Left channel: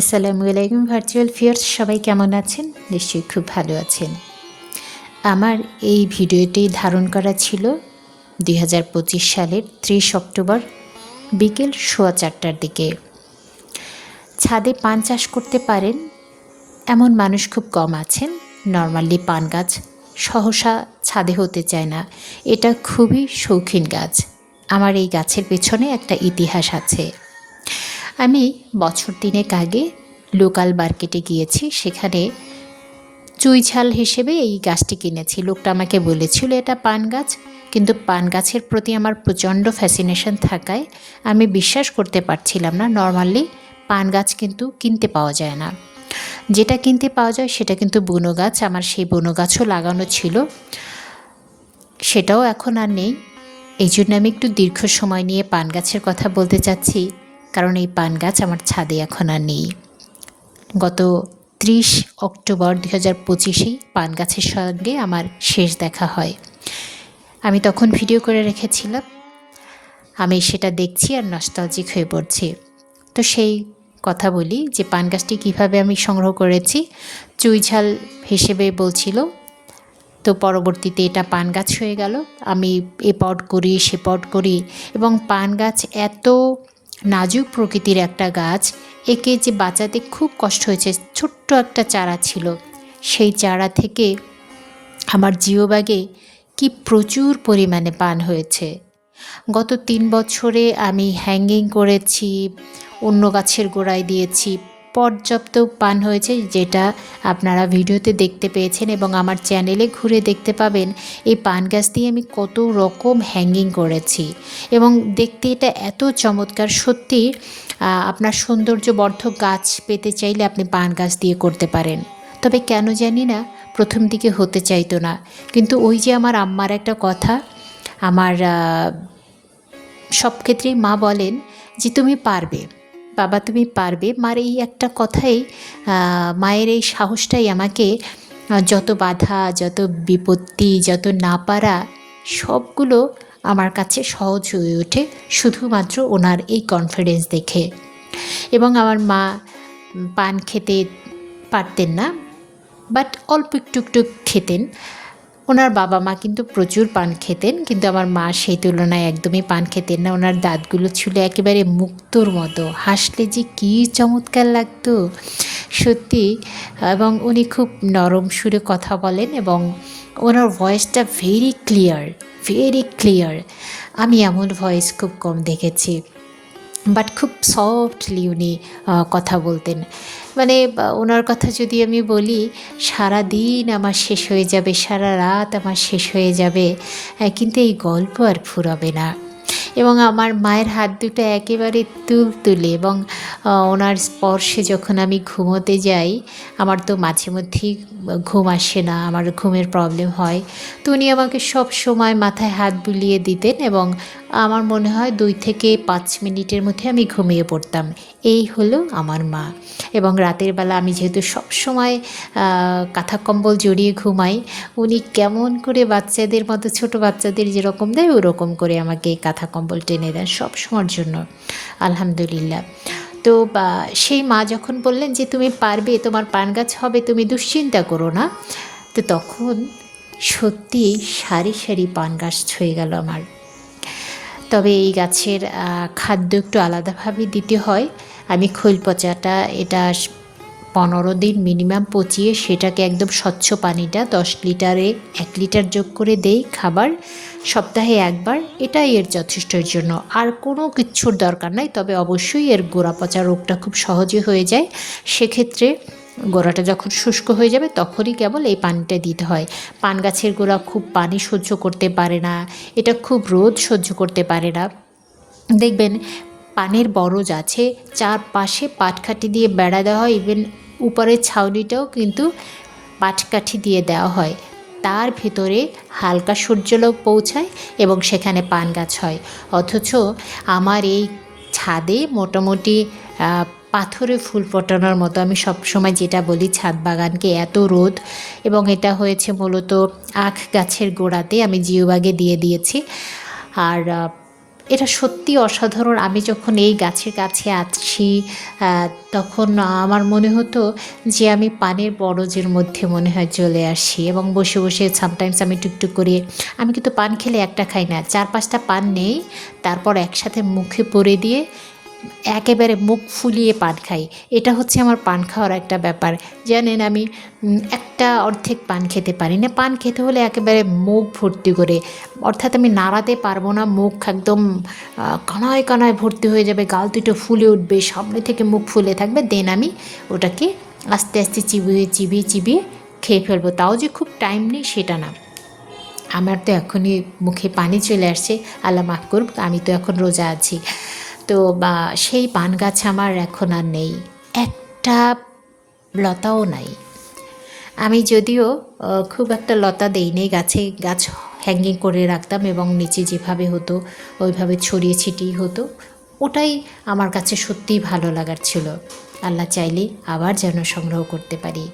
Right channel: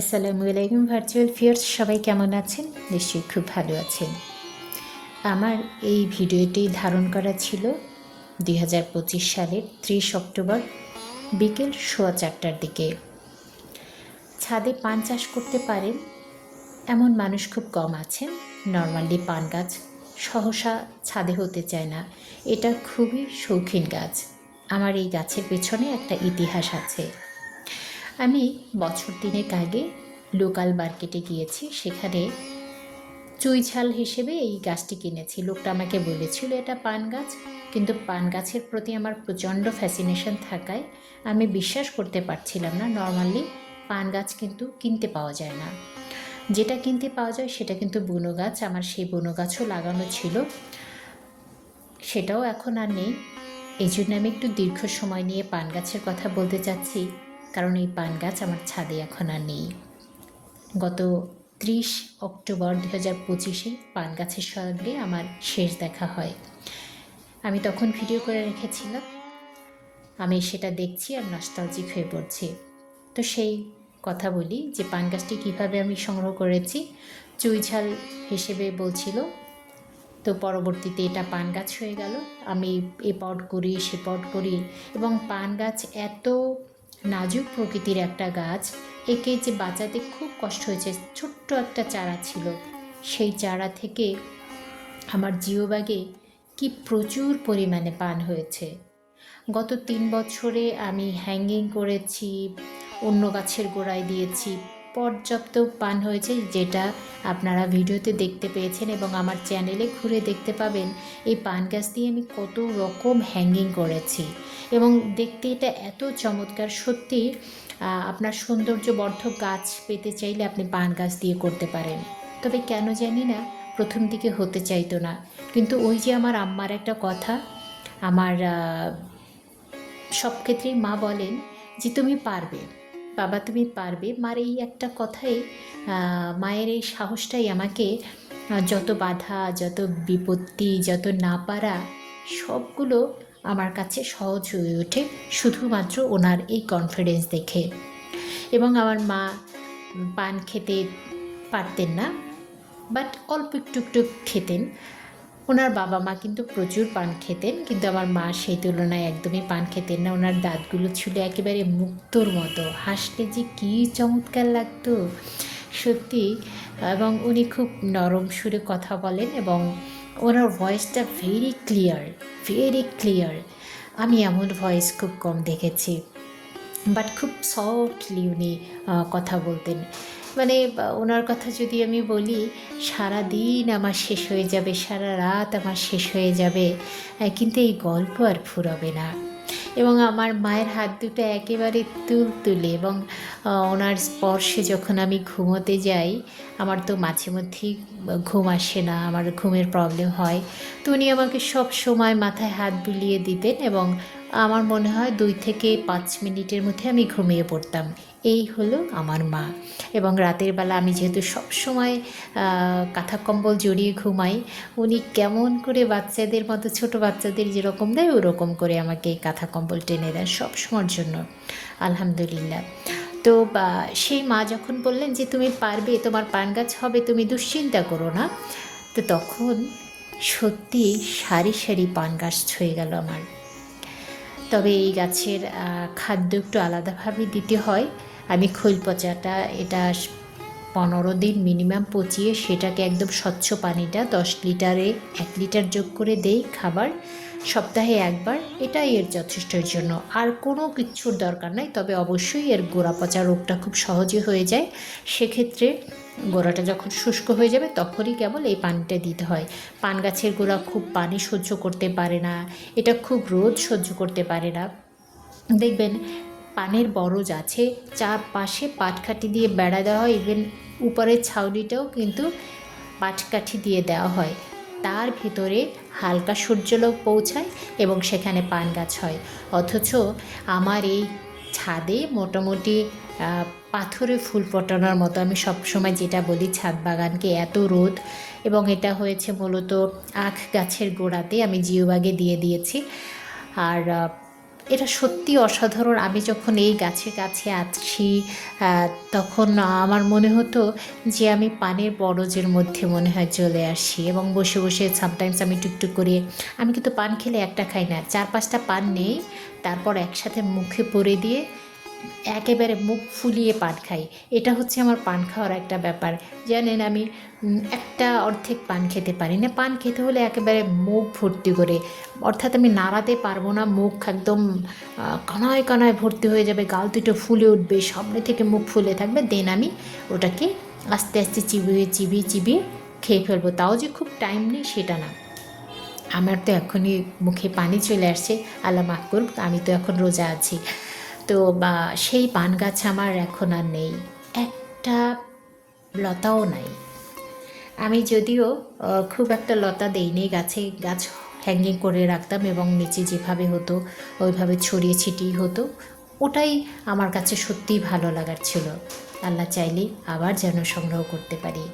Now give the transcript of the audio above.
আসসালামু আলাইকুম virtual fierce, সবাই কেমন আছেন? নিশ্চয়ই খুব ভালো আছেন। আমার এই ভিডিওটি ধারণ করা ছিল 2025 সালের 30 অক্টোবর বিকেল 4:15টার দিকে। ছাদে পান চাষ করতে পারেন এমন মানুষ খুব কম আছেন। নর্মালি পান গাছ সহসা ছাদে হতে চায় না, এটা খুবই শৌখিন গাছ। আমার এই গাছের পেছনে একটা ইতিহাস আছে। আমি বছর 3 আগে লোকাল মার্কেটে গিয়েছি, সেখানে চুই ঝাল হিসেবে এই গাছটি কিনেছি। লোকটা আমাকে বলেছিল এটা পান গাছ, কিন্তু পান গাছের প্রতি আমার প্রচণ্ড ফ্যাসিনেশন থাকায় আমি বিশ্বাস করতে পারছিলাম না। নর্মালি পান গাছ কিন্তু কিনতে পাওয়া যায় না, যেটা কিনতে পাওয়া যায় সেটা কিন্তু বুনো গাছ। আমার সেই বুনো গাছও লাগানো ছিল, সেটাও এখন আর নেই। এই জন্য আমি একটু দীর্ঘ সময় নিয়ে পান গাছের কথা বলতে চাচ্ছি, কারণ এই পান গাছ আমার ছাদে এখন আর নেই। গত 30 অক্টোবর 2025 পান গাছের সঙ্গে আমার শেষ দেখা হয়। আমি তখন ভিডিও করে রেখেছিলাম, আমি সেটা দেখছি আর নস্টালজিক হয়ে পড়ছি। তো সেই কথা বলি যে পান গাছটি কীভাবে আমি সংগ্রহ করেছি। চুই ঝাল হিসেবে বলছিল, তো পরবর্তীতে এটা পান গাছ হয়ে গেল। আমি এ পট করি সে পট করি, এবং পান গাছ এত নাজুক প্রকৃতির একটা গাছ, একে যে বাঁচাতে খুব কষ্ট হয়েছে। ছোট্ট একটা চারা ছিল, সেই চারা থেকে আমার জিও ব্যাগে কি প্রচুর পরিমাণে পান হয়েছে। গত 3 বছরে আমি হ্যাঙ্গিং করেছি, অন্য গাছের গোড়ায় দিয়েছি, পর্যাপ্ত পান হয়েছে, যেটা আপনারা ভিডিওতে দেখতে পেয়েছেন এবং আমার চ্যানেলে ঘুরে দেখতে পাবেন। এই পান গাছ দিয়ে আমি কত রকম হ্যাঙ্গিং করেছি, এবং দেখতে এটা এত চমৎকার। সত্যি আপনার সৌন্দর্যবর্ধক গাছ পেতে চাইলে আপনি পান গাছ দিয়ে করতে পারেন। তবে কেন জানি না প্রথম দিকে হতে চাইতো না, কিন্তু ওই যে আমার আম্মার একটা কথা, আমার সব ক্ষেত্রেই মা বলেন যে তুমি পারবে বাবা, তুমি পারবে। মার এই একটা কথাই, মায়ের এই সাহসটাই আমাকে যত বাধা, যত বিপত্তি, যত না পারা, সবগুলো আমার কাছে সহজ হয়ে ওঠে শুধুমাত্র ওনার এই কনফিডেন্স দেখে। এবং আমার মা পান খেতে পারতেন না, বাট অল্প টুকটুক খেতেন। ওনার বাবা মা কিন্তু প্রচুর পান খেতেন, কিন্তু আমার মা সেই তুলনায় একদমই পান খেতেন না। ওনার দাঁতগুলো ছিল একেবারে মুক্তোর মতো, হাসলে যে কী চমৎকার লাগতো সত্যি। এবং উনি খুব নরম সুরে কথা বলেন, এবং ওনার ভয়েসটা ভেরি ক্লিয়ার, ভেরি ক্লিয়ার। আমি এমন ভয়েস খুব কম দেখেছি, বাট খুব সফটলি উনি কথা বলতেন। মানে ওনার কথা যদি আমি বলি, সারা দিন আমার শেষ হয়ে যাবে, সারা রাত আমার শেষ হয়ে যাবে, কিন্তু এই গল্প আর ফুরাবে না। এবং আমার মায়ের হাত দুটো একেবারে তুলতুলে, এবং ওনার স্পর্শে যখন আমি ঘুমোতে যাই, আমার তো মাঝে মধ্যেই ঘুম আসে না, আমার ঘুমের প্রবলেম হয়, তো উনি আমাকে সব সময় মাথায় হাত বুলিয়ে দিতেন, এবং আমার মনে হয় 2 থেকে 5 মিনিটের মধ্যে আমি ঘুমিয়ে পড়তাম। এই হলো আমার মা। এবং রাতের বেলা আমি যেহেতু সব সময় কাঁথা কম্বল জড়িয়ে ঘুমাই, উনি কেমন করে বাচ্চাদের মতো, ছোটো বাচ্চাদের যেরকম দেয় ওরকম করে আমাকে কাঁথা কম্বল টেনে দেন সব সময়ের জন্য, আলহামদুলিল্লাহ। তো সেই মা যখন বললেন যে তুমি পারবে, তোমার পান গাছ হবে, তুমি দুশ্চিন্তা করো না, তো তখন সত্যি সারি সারি পান গাছ ছুঁয়ে গেল আমার। তবে এই গাছের খাদ্য একটু আলাদাভাবে দিতে হয়। আমি খৈল পচাটা এটা 15 দিন মিনিমাম পচিয়ে সেটাকে একদম স্বচ্ছ পানিটা 10 লিটারে 1 লিটার যোগ করে দেই খাবার, সপ্তাহে একবার। এটাই এর যথেষ্টর জন্য, আর কোনো কিচ্ছুর দরকার নাই। তবে অবশ্যই এর গোড়া পচা রোগটা খুব সহজে হয়ে যায়, সেক্ষেত্রে গোড়াটা যখন শুষ্ক হয়ে যাবে তখনই কেবল এই পানিটা দিতে হয়। পান গাছের গোড়া খুব পানি সহ্য করতে পারে না, এটা খুব রোদ সহ্য করতে পারে না। দেখবেন পানের বরজ আছে, চারপাশে পাটকাঠি দিয়ে বেড়া দেওয়া হয়, ইভেন উপরের ছাউনিটাও কিন্তু পাটকাঠি দিয়ে দেওয়া হয়, তার ভিতরে হালকা সূর্যালোক পৌঁছায় এবং সেখানে পান গাছ হয়। অথচ আমার এই ছাদে মোটামুটি পাথরে ফুল ফোটানোর মতো, আমি সবসময় যেটা বলি ছাদ বাগানকে, এত রোদ। এবং এটা হয়েছে মূলত আখ গাছের গোড়াতে, আমি জিও ব্যাগে দিয়ে দিয়েছি। আর এটা সত্যি অসাধারণ। আমি যখন এই গাছের কাছে আছি তখন আমার মনে হতো যে আমি পানের বরজের মধ্যে মনে হয় চলে আসি, এবং বসে বসে সামটাইমস আমি টুকটুক করে, আমি কিন্তু পান খেলে একটা খাই না, 4-5টা পান নেই, তারপর একসাথে মুখে পরে দিয়ে একেবারে মুখ ফুলিয়ে পান খাই। এটা হচ্ছে আমার পান খাওয়ার একটা ব্যাপার। জানেন, আমি একটা অর্ধেক পান খেতে পারি না। পান খেতে হলে একেবারে মুখ ভর্তি করে, অর্থাৎ আমি নাড়াতে পারবো না, মুখ একদম কানায় কানায় ভর্তি হয়ে যাবে, গাল দুটো ফুলে উঠবে, সামনে থেকে মুখ ফুলে থাকবে, দেন আমি ওটাকে আস্তে আস্তে চিবিয়ে চিবিয়ে চিবিয়ে খেয়ে ফেলবো। তাও যে খুব টাইম নেই সেটা না। আমার তো এখনই মুখে পানি চলে আসছে, আল্লাহ মাফ করুক, আমি তো এখন রোজা আছি। তো বা সেই পান গাছ আমার এখন আর নেই, একটা লতাও নাই। আমি যদিও খুব একটা লতা দেইনি গাছে, গাছ হ্যাঙ্গিং করে রাখতাম এবং নিচে যেভাবে হতো ওইভাবে ছড়িয়ে ছিটিয়ে হতো, ওটাই আমার কাছে সত্যিই ভালো লাগার ছিল। আল্লাহ চাইলে আবার যেন সংগ্রহ করতে পারি।